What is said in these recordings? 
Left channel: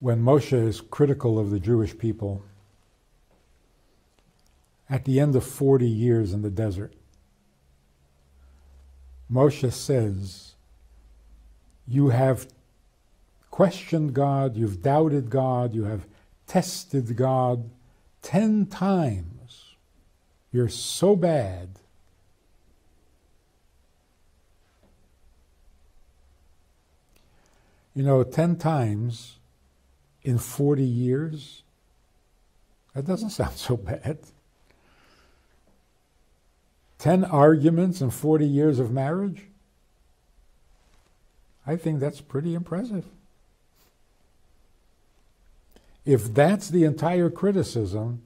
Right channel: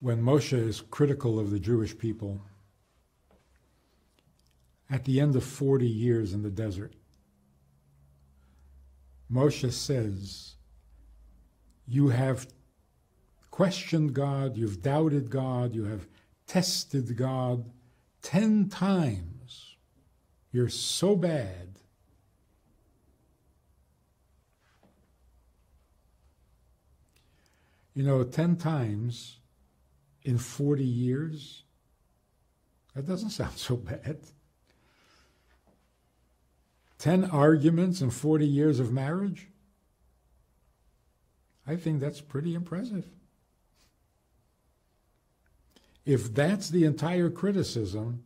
When Moshe is critical of the Jewish people, at the end of 40 years in the desert, Moshe says, you have questioned God, you've doubted God, you have tested God 10 times. You're so bad. You know, 10 times in 40 years, that doesn't sound so bad. 10 arguments in 40 years of marriage? I think that's pretty impressive. If that's the entire criticism,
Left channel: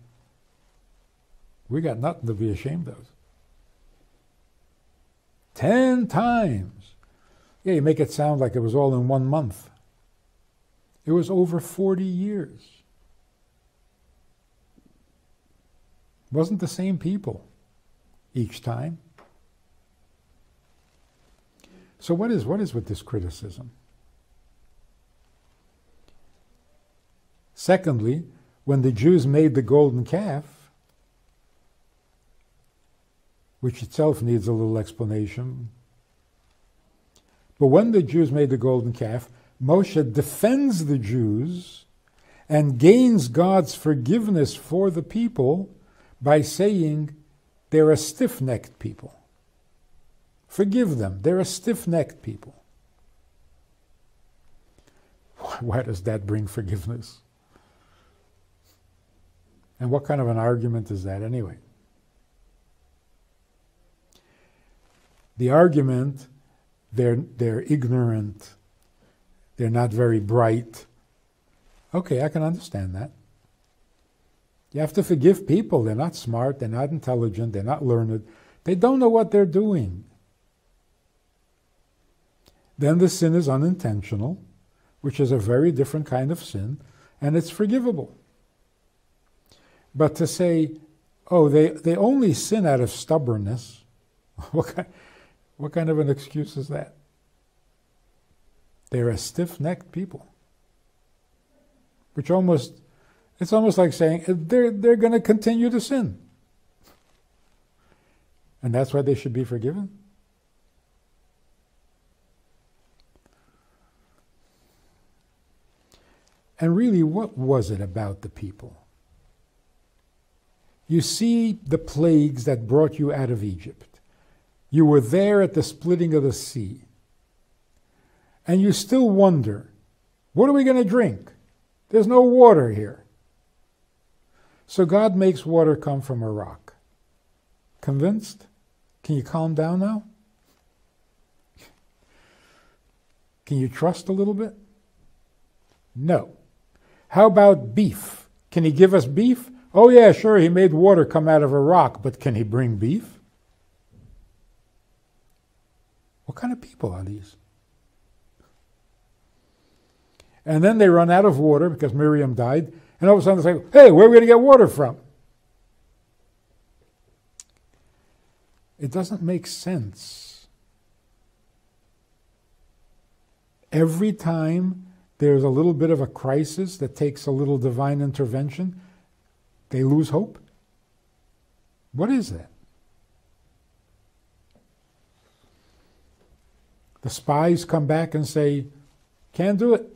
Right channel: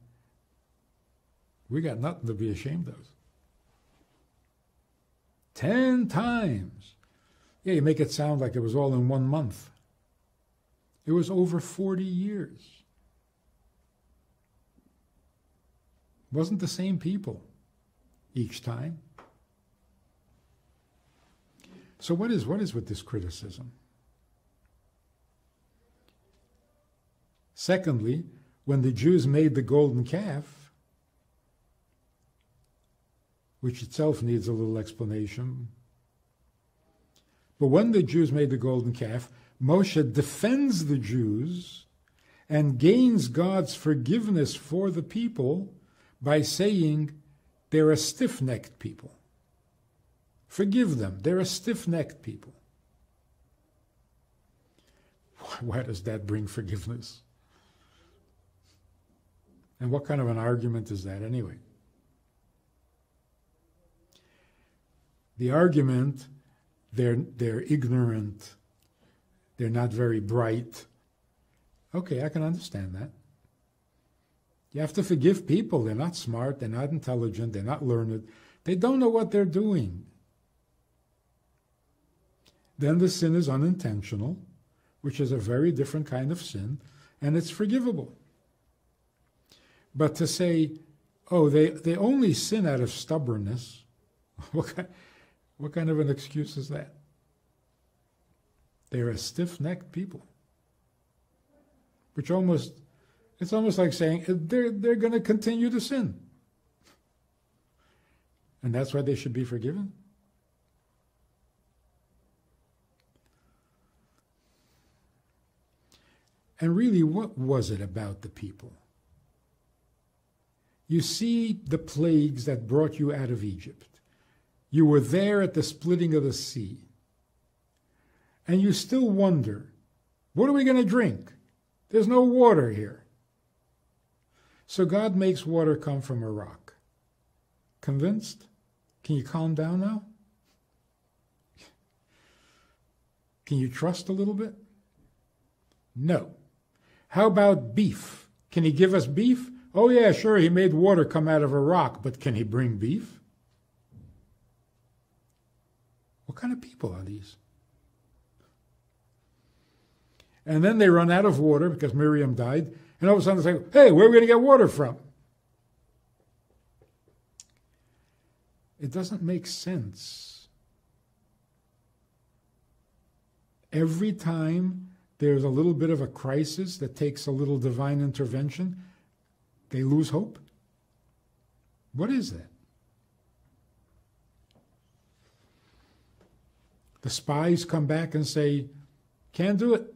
we got nothing to be ashamed of. 10 times. Yeah, you make it sound like it was all in 1 month. It was over 40 years. It wasn't the same people each time. So what is with this criticism? Secondly, when the Jews made the golden calf, which itself needs a little explanation, but when the Jews made the golden calf, Moshe defends the Jews and gains God's forgiveness for the people by saying they're a stiff-necked people. Forgive them. They're a stiff-necked people. Why does that bring forgiveness? And what kind of an argument is that anyway? The argument, they're ignorant, they're not very bright. Okay, I can understand that. You have to forgive people. They're not smart, they're not intelligent, they're not learned. They don't know what they're doing. Then the sin is unintentional, which is a very different kind of sin, and it's forgivable. But to say, oh, they only sin out of stubbornness, what kind of an excuse is that? They're a stiff-necked people. It's almost like saying they're going to continue to sin. And that's why they should be forgiven? And really, what was it about the people? You see the plagues that brought you out of Egypt. You were there at the splitting of the sea. And you still wonder, what are we going to drink? There's no water here. So God makes water come from a rock. Convinced? Can you calm down now? Can you trust a little bit? No. How about beef? Can he give us beef? Oh yeah, sure, he made water come out of a rock, but can he bring beef? What kind of people are these? And then they run out of water because Miriam died, and all of a sudden they say, hey, where are we going to get water from? It doesn't make sense. Every time there's a little bit of a crisis that takes a little divine intervention, they lose hope. What is that? The spies come back and say, can't do it.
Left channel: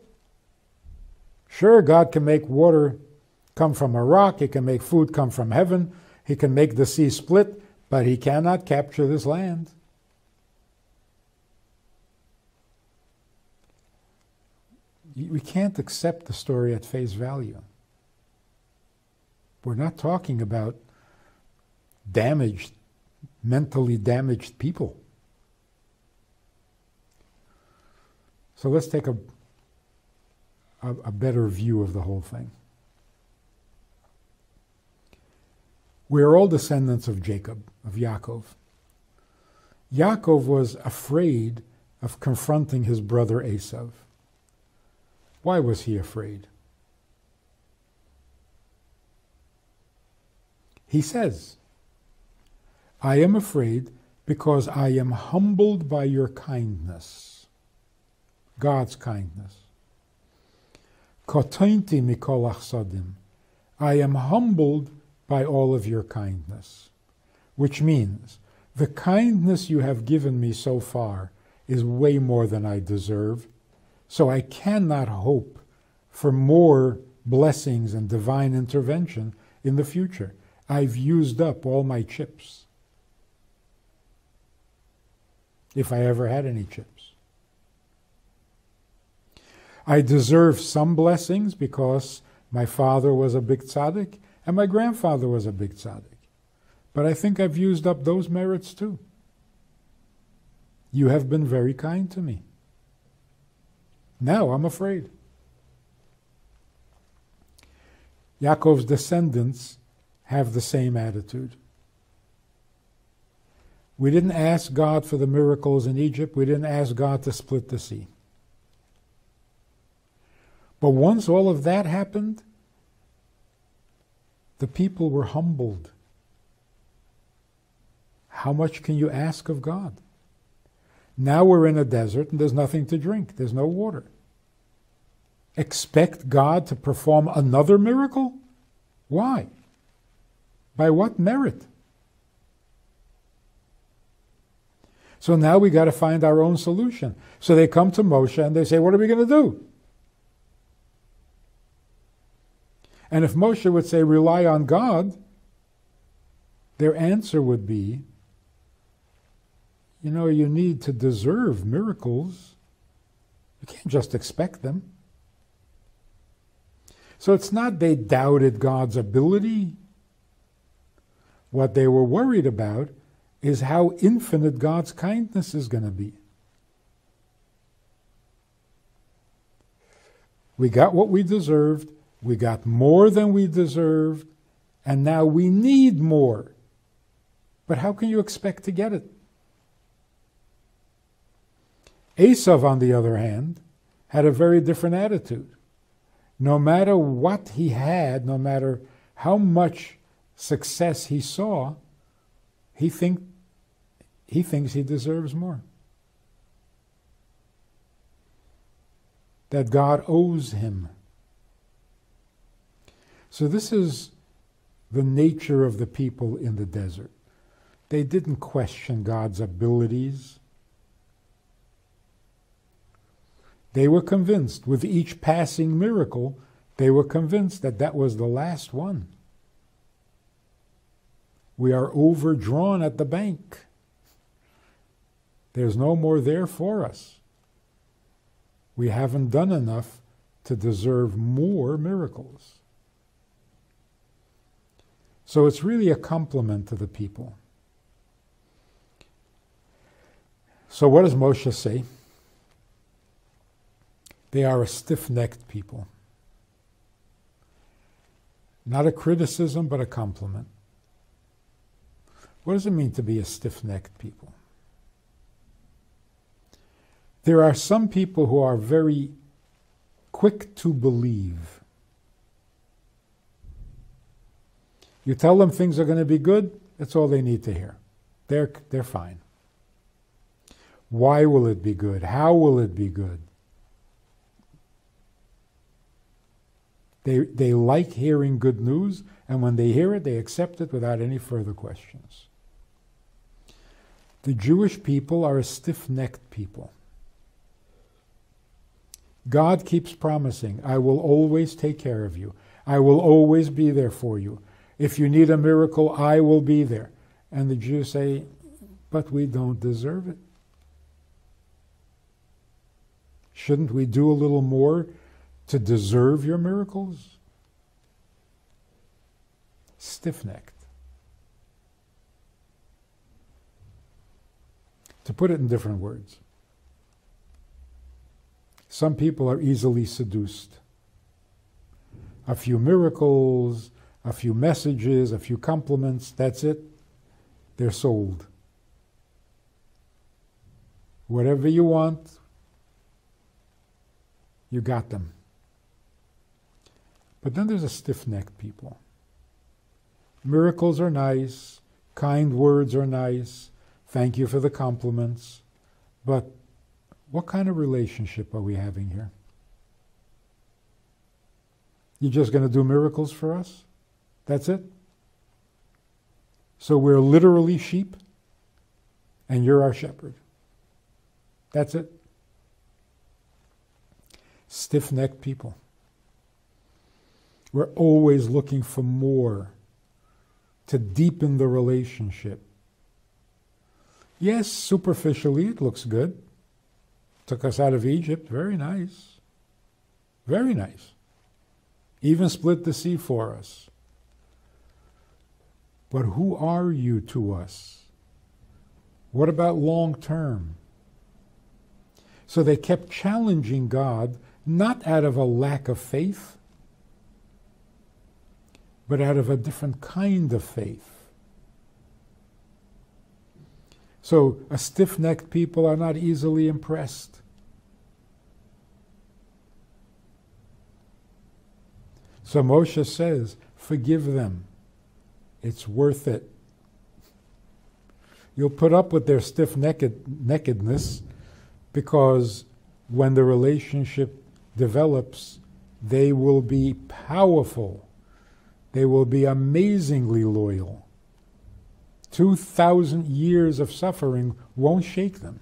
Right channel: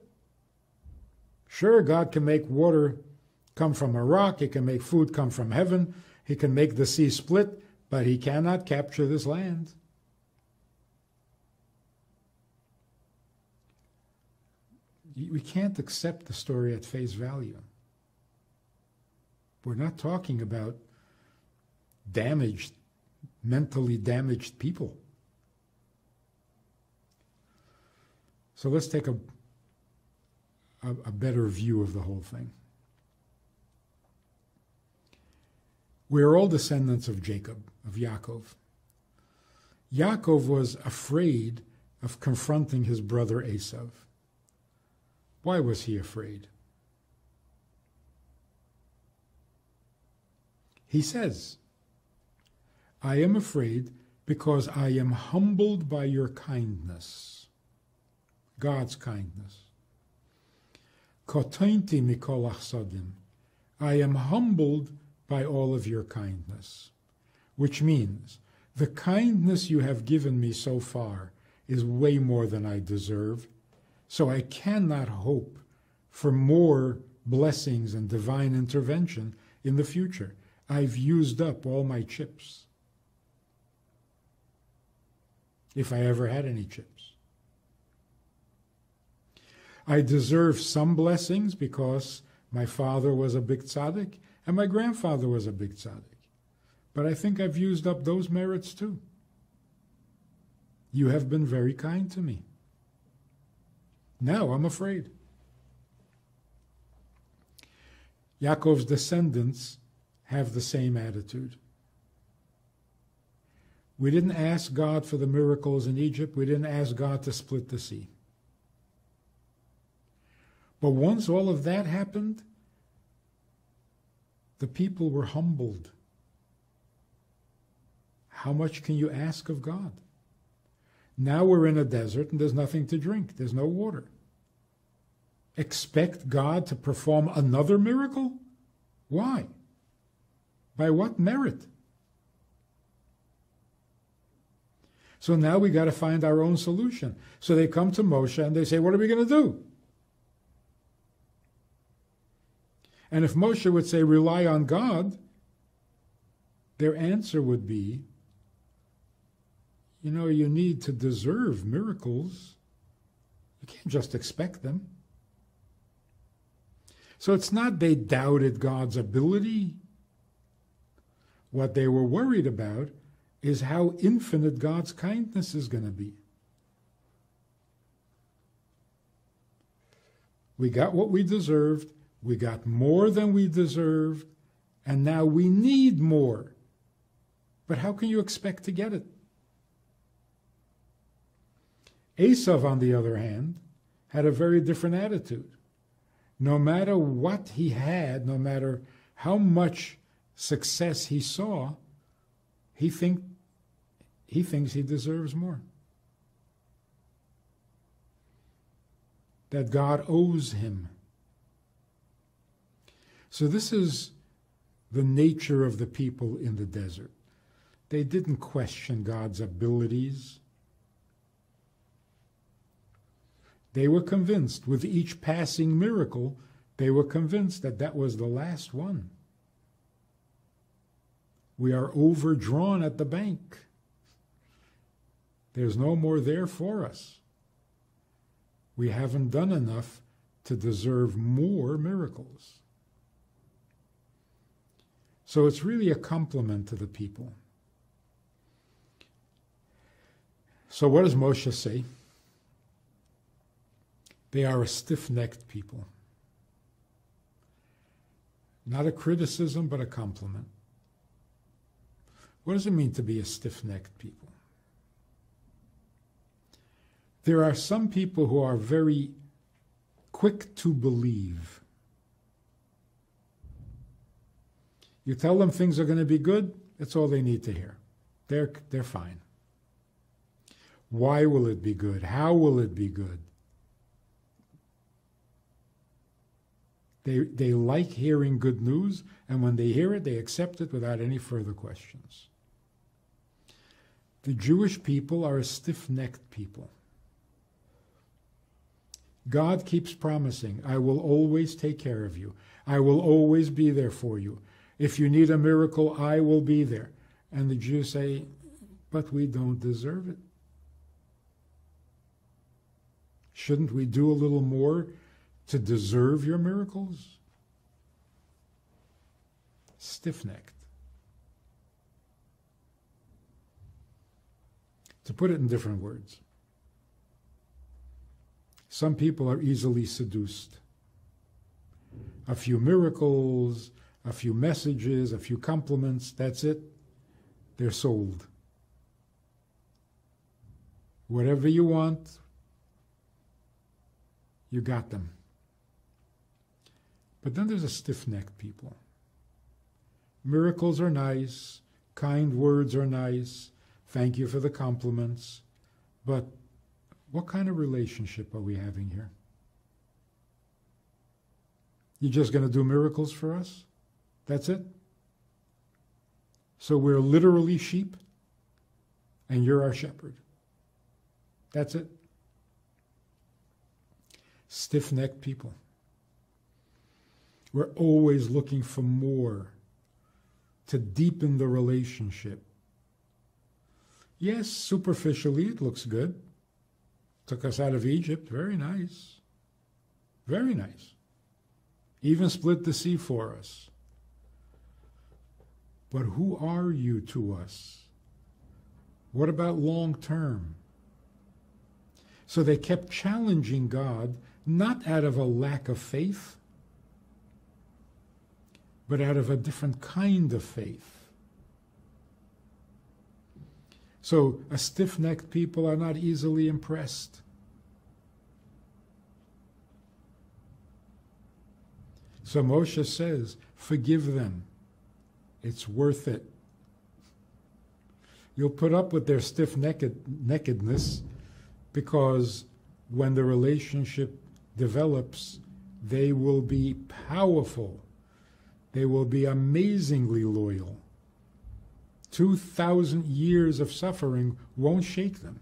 Sure, God can make water come from a rock, he can make food come from heaven, he can make the sea split, but he cannot capture this land. We can't accept the story at face value. We're not talking about mentally damaged people. So let's take a better view of the whole thing. We are all descendants of Jacob, of Yaakov. Yaakov was afraid of confronting his brother Esav. Why was he afraid? He says, I am afraid because I am humbled by your kindness, God's kindness. Kotointi mikol achsadim. I am humbled by all of your kindness. Which means, the kindness you have given me so far is way more than I deserve, so I cannot hope for more blessings and divine intervention in the future. I've used up all my chips, if I ever had any chips. I deserve some blessings because my father was a big tzaddik and my grandfather was a big tzaddik. But I think I've used up those merits too. You have been very kind to me. Now I'm afraid. Yaakov's descendants have the same attitude. We didn't ask God for the miracles in Egypt. We didn't ask God to split the sea. But once all of that happened, the people were humbled. How much can you ask of God? Now we're in a desert and there's nothing to drink. There's no water. Expect God to perform another miracle? Why? By what merit? So now we got to find our own solution. So they come to Moshe and they say, what are we going to do? And if Moshe would say, rely on God, their answer would be, you know, you need to deserve miracles. You can't just expect them. So it's not they doubted God's ability. What they were worried about is how infinite God's kindness is going to be. We got what we deserved. We got more than we deserved. And now we need more. But how can you expect to get it? Esav, on the other hand, had a very different attitude. No matter what he had, no matter how much success he saw, he thinks he deserves more. That God owes him. So this is the nature of the people in the desert. They didn't question God's abilities. They were convinced, with each passing miracle, they were convinced that that was the last one. We are overdrawn at the bank. There's no more there for us. We haven't done enough to deserve more miracles. So it's really a compliment to the people. So what does Moshe say? They are a stiff-necked people. Not a criticism, but a compliment. What does it mean to be a stiff-necked people? There are some people who are very quick to believe. You tell them things are going to be good, that's all they need to hear. They're fine. Why will it be good? How will it be good? They like hearing good news, and when they hear it, they accept it without any further questions. The Jewish people are a stiff-necked people. God keeps promising, I will always take care of you. I will always be there for you. If you need a miracle, I will be there. And the Jews say, but we don't deserve it. Shouldn't we do a little more to deserve your miracles? Stiff-necked. To put it in different words, some people are easily seduced. A few miracles, a few messages, a few compliments, that's it. They're sold. Whatever you want, you got them. But then there's a stiff-necked people. Miracles are nice, kind words are nice, thank you for the compliments, but what kind of relationship are we having here? You're just going to do miracles for us? That's it? So we're literally sheep, and you're our shepherd. That's it. Stiff-necked people. We're always looking for more to deepen the relationship. Yes, superficially it looks good. Took us out of Egypt. Very nice. Very nice. Even split the sea for us. But who are you to us? What about long term? So they kept challenging God, not out of a lack of faith, but out of a different kind of faith. So a stiff-necked people are not easily impressed. So Moshe says, forgive them. It's worth it. You'll put up with their stiff-neckedness because when the relationship develops, they will be powerful. They will be amazingly loyal. 2,000 years of suffering won't shake them.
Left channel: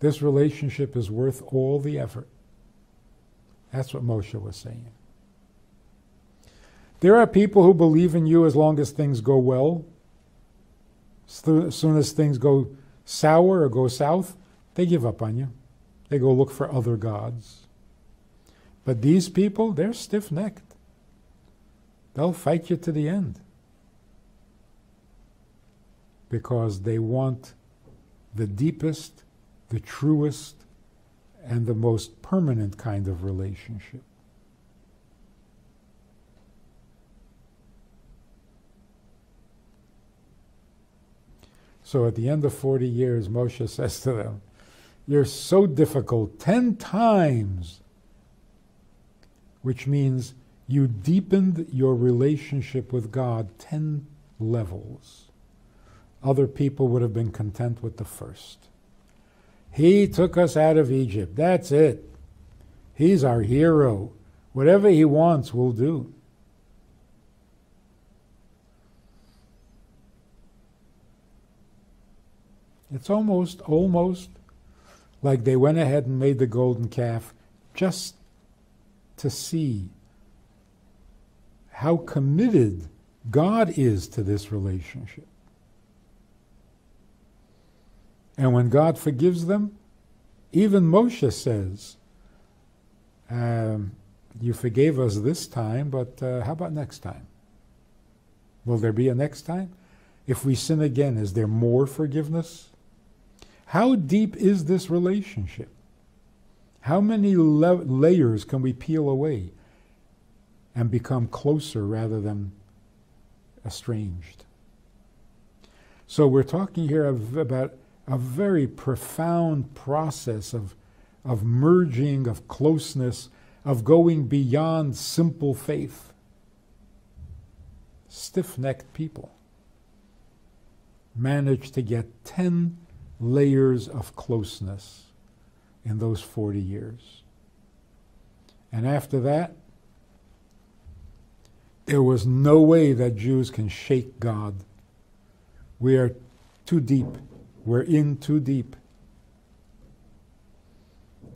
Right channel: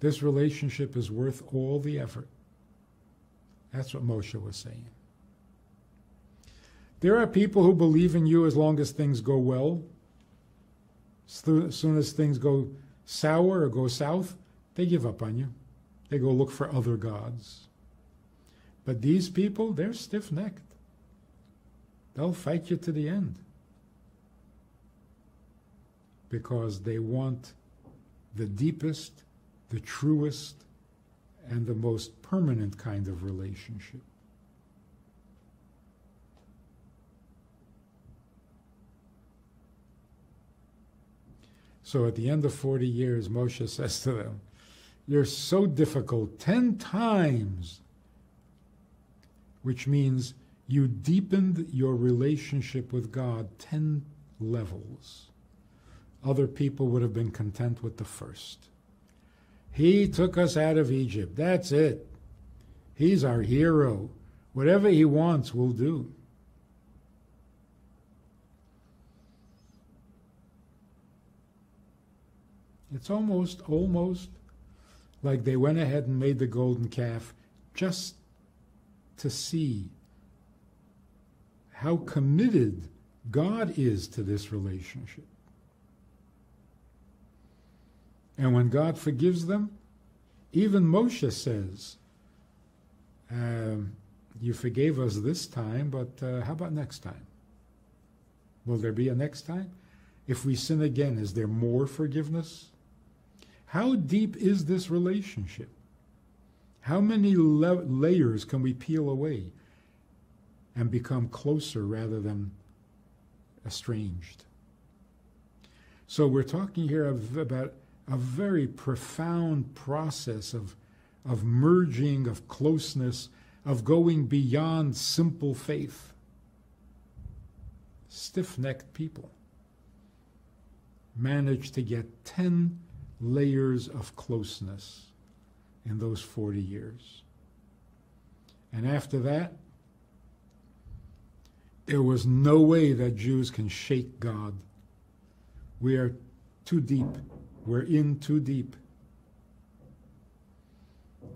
This relationship is worth all the effort. That's what Moshe was saying. There are people who believe in you as long as things go well. As soon as things go sour or go south, they give up on you. They go look for other gods. But these people, they're stiff-necked. They'll fight you to the end. Because they want the deepest, the truest, and the most permanent kind of relationship. So at the end of 40 years, Moshe says to them, you're so difficult 10 times, which means you deepened your relationship with God 10 levels. Other people would have been content with the first. He took us out of Egypt. That's it. He's our hero. Whatever he wants, we'll do. It's almost like they went ahead and made the golden calf just to see how committed God is to this relationship. And when God forgives them, even Moshe says, you forgave us this time, but how about next time? Will there be a next time? If we sin again, is there more forgiveness? How deep is this relationship? How many layers can we peel away and become closer rather than estranged? So we're talking here about a very profound process of merging, of closeness, of going beyond simple faith. Stiff-necked people manage to get 10 layers of closeness in those 40 years. And after that, there was no way that Jews can shake God. We are too deep. We're in too deep.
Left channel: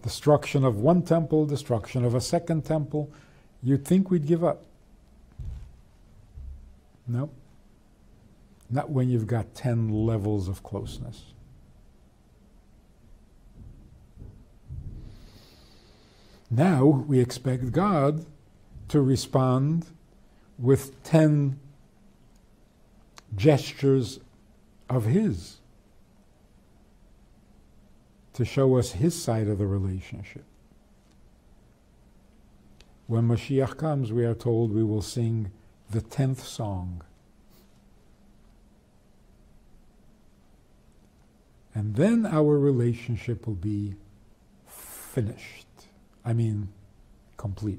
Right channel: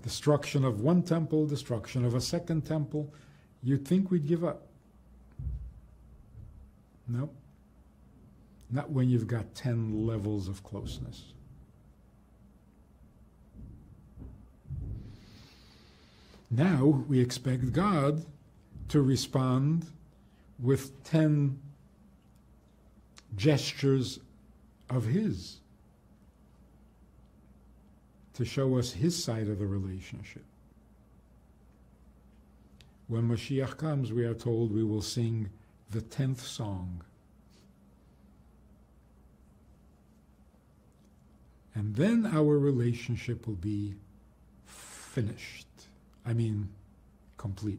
Destruction of one temple, destruction of a second temple. You'd think we'd give up. No. Not when you've got 10 levels of closeness. Now we expect God to respond with 10 gestures of His to show us His side of the relationship. When Mashiach comes, we are told we will sing the 10th song. And then our relationship will be finished. I mean, complete.